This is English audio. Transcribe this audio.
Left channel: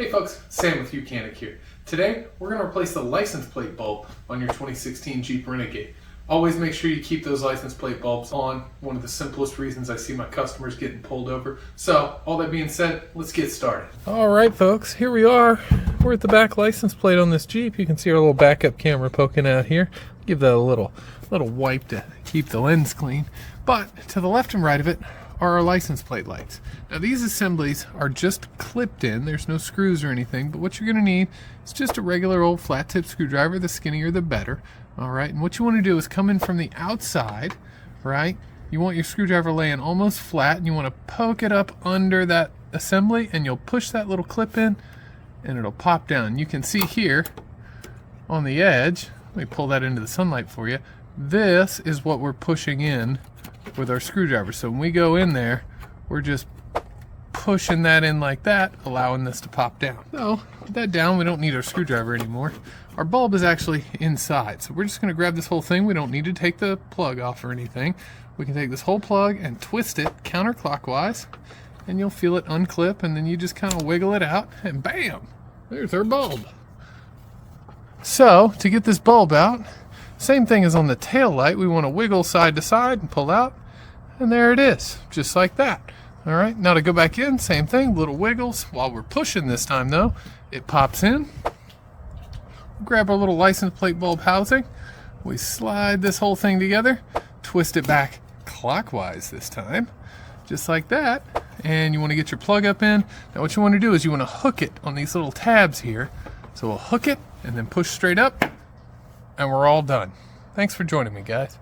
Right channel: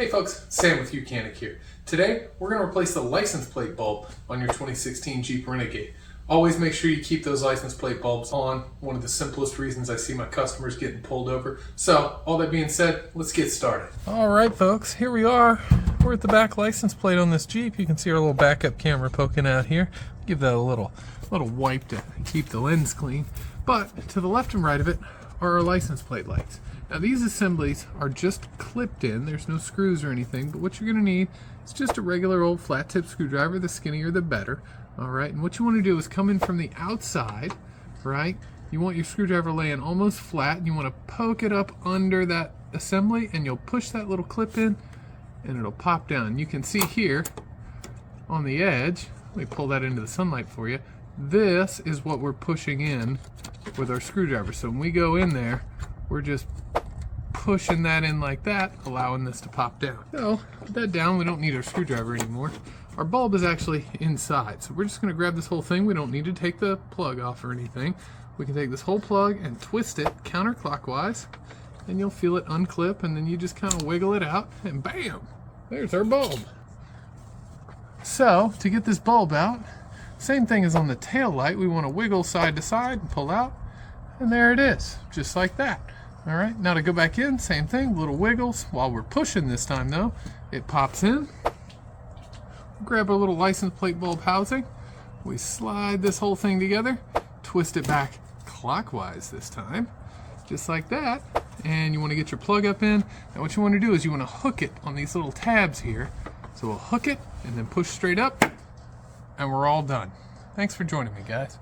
Hey folks, Sam with Mechanic here. Today, we're going to replace the license plate bulb on your 2016 Jeep Renegade. Always make sure you keep those license plate bulbs on. One of the simplest reasons I see my customers getting pulled over. So, all that being said, let's get started. Alright folks, here we are. We're at the back license plate on this Jeep. You can see our little backup camera poking out here. Give that a little wipe to keep the lens clean. But to the left and right of it are our license plate lights. Now these assemblies are just clipped in. There's no screws or anything, but what you're going to need is just a regular old flat tip screwdriver. The skinnier the better. Alright, and what you want to do is come in from the outside, right? You want your screwdriver laying almost flat, and you want to poke it up under that assembly, and you'll push that little clip in, and it'll pop down. You can see here on the edge, let me pull that into the sunlight for you, this is what we're pushing in with our screwdriver. So when we go in there, we're just pushing that in like that, allowing this to pop down. So, put that down, we don't need our screwdriver anymore. Our bulb is actually inside, so we're just going to grab this whole thing. We don't need to take the plug off or anything. We can take this whole plug and twist it counterclockwise, and you'll feel it unclip, and then you just kind of wiggle it out, and bam! There's our bulb. So, to get this bulb out, same thing as on the tail light. We want to wiggle side to side and pull out, and there it is, just like that. Alright, now to go back in, same thing, little wiggles. While we're pushing this time though, it pops in. Grab our little license plate bulb housing. We slide this whole thing together, twist it back clockwise this time, just like that. And you want to get your plug up in. Now what you want to do is you want to hook it on these little tabs here. So we'll hook it and then push straight up, and we're all done. Thanks for joining me, guys.